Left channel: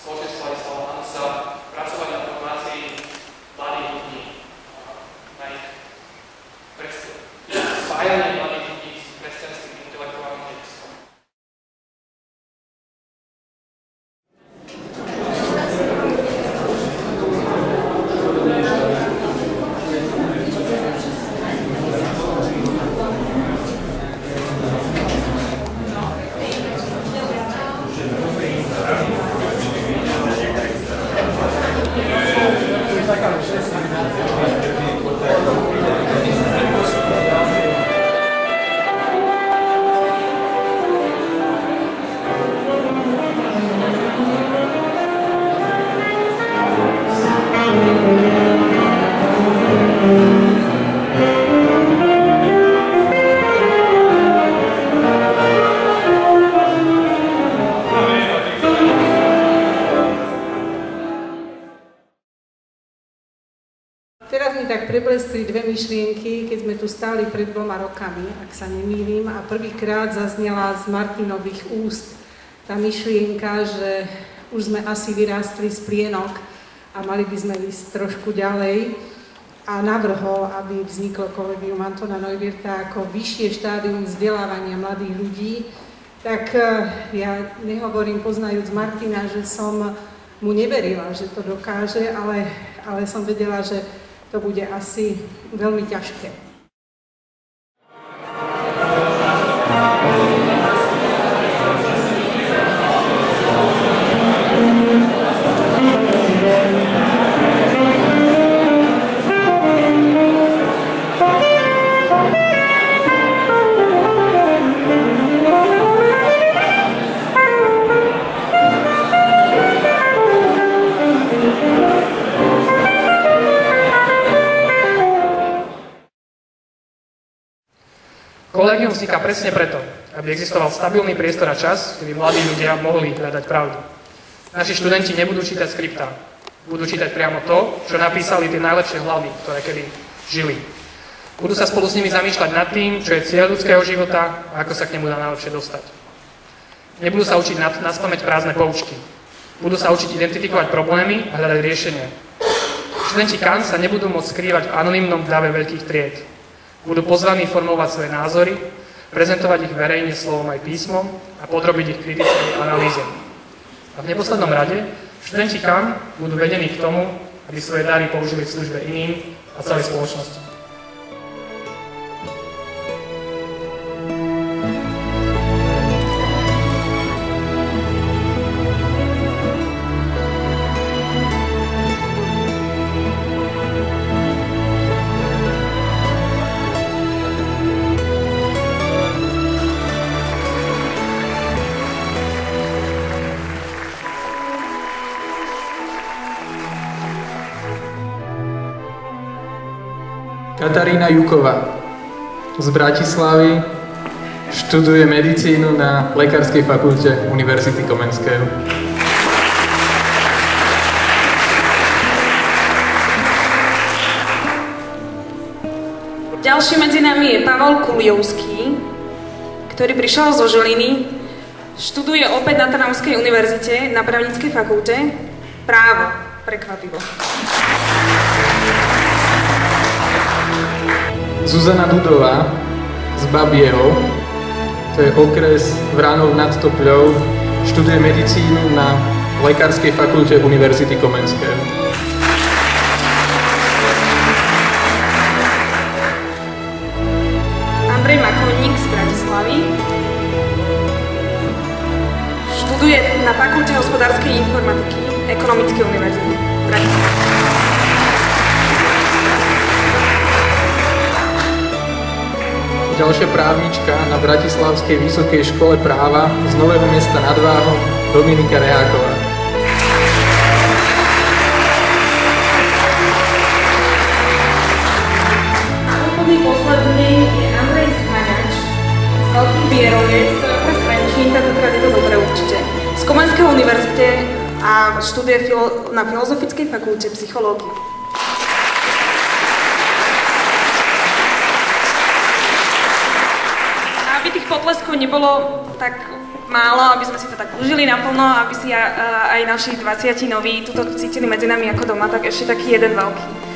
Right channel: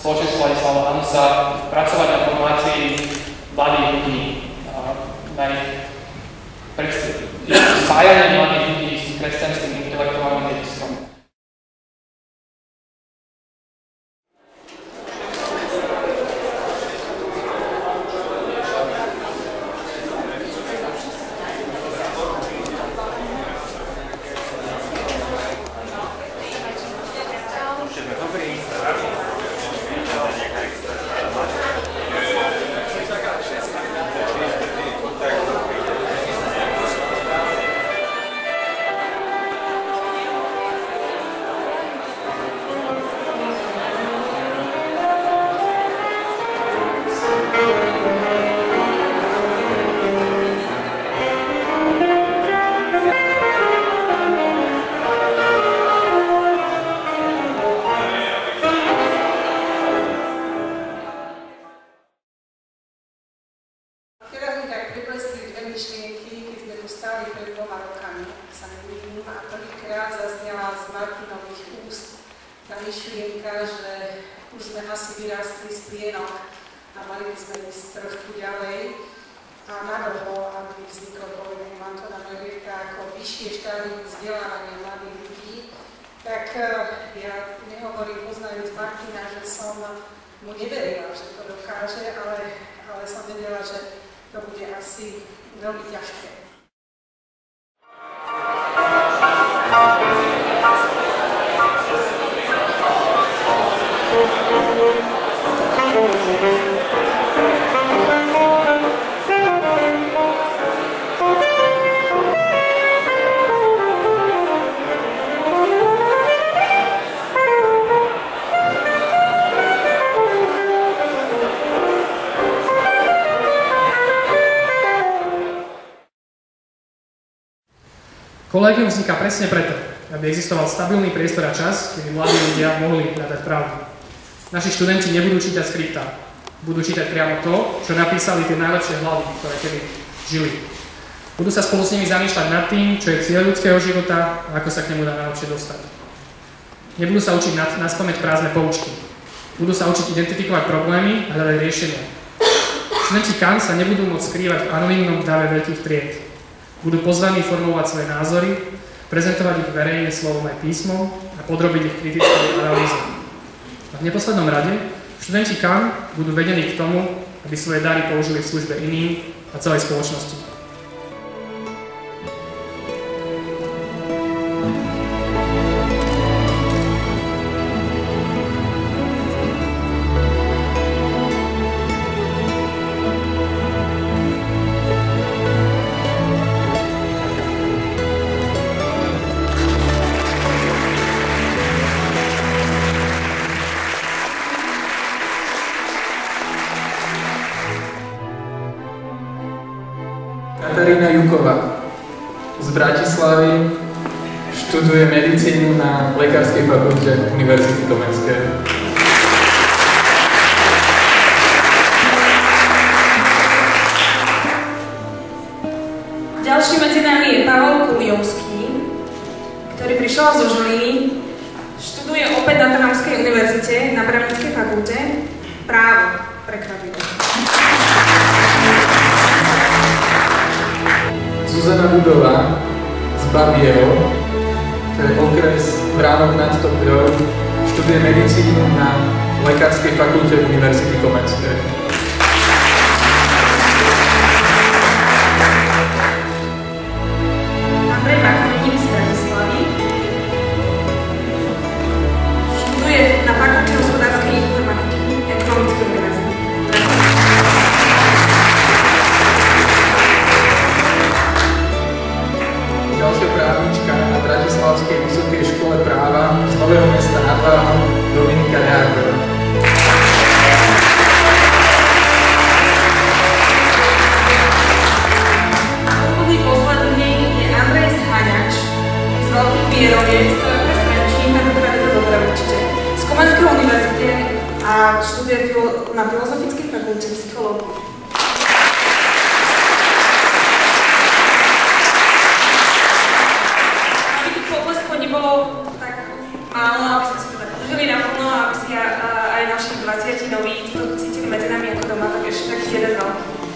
spoločenstvo Ladislava Hanusa pracovať na formácii mladých ľudí, na ich spájanie mladých ľudí s kresťanským intelektuálnym dedictvom. Teraz mi tak prebleskli dve myšlienky, keď sme tu stáli pred 2 rokami, ak sa nemýlim, a prvýkrát zaznela z Martinových úst tá myšlienka, že už sme asi vyrástli z plienok a mali by sme ísť trošku ďalej, a navrhol, aby vzniklo Kolegium Antona Neuwirtha ako vyššie štádium vzdelávania mladých ľudí. Tak ja nehovorím, poznajúc Martina, že som mu neverila, že to dokáže, ale som vedela, že to bude asi veľmi ťažké. Kolegium vzniká presne preto, aby existoval stabilný priestor a čas, kedy mladí ľudia mohli hľadať pravdu. Naši študenti nebudú čítať skripta, budú čítať priamo to, čo napísali tie najlepšie hlavy, ktoré kedy žili. Budú sa spolu s nimi zamýšľať nad tým, čo je cieľ ľudského života a ako sa k nemu dá najlepšie dostať. Nebudú sa učiť naspamäť prázdne poučky. Budú sa učiť identifikovať problémy a hľadať riešenia. Študenti KAN sa nebudú môcť skrývať v anonymnom dáve veľkých tried. Budú pozvaní formulovať svoje názory, prezentovať ich verejne slovom aj písmom a podrobiť ich kritickým analýzom. A v neposlednom rade študenti KAN budú vedení k tomu, aby svoje dary použili v službe iným a celej spoločnosti. Katarína Juková z Bratislavy študuje medicínu na Lekárskej fakulte Univerzity Komenského. Ďalší medzi nami je Pavel Kuliovský, ktorý prišiel zo Žiliny, študuje opäť na Trnavskej univerzite na právnickej fakulte právo. Prekvapivo. Zuzana Dudová z Babieho, to je okres Vránov nad Topľou, študuje medicínu na Lekárskej fakulte Univerzity Komenského. Andrej Machonník z Bratislavy študuje na fakulte hospodárskej informatiky Ekonomickej univerzity. Ďalšia právnička na Bratislavskej vysokej škole práva z Nového Mesta nad Váhom, Dominika Reáková. A úplný posledný je Andrej Zhaňač z Veľkých Bieroviec, ktorého Trenčín, tentokrát je to dobre určite, z Komenskej univerzity a študuje na Filozofickej fakulte psychológie. Potleskov nebolo tak málo, aby sme si to tak užili naplno, aby si aj naši 20 noví toto cítili medzi nami ako doma, tak ešte taký jeden veľký.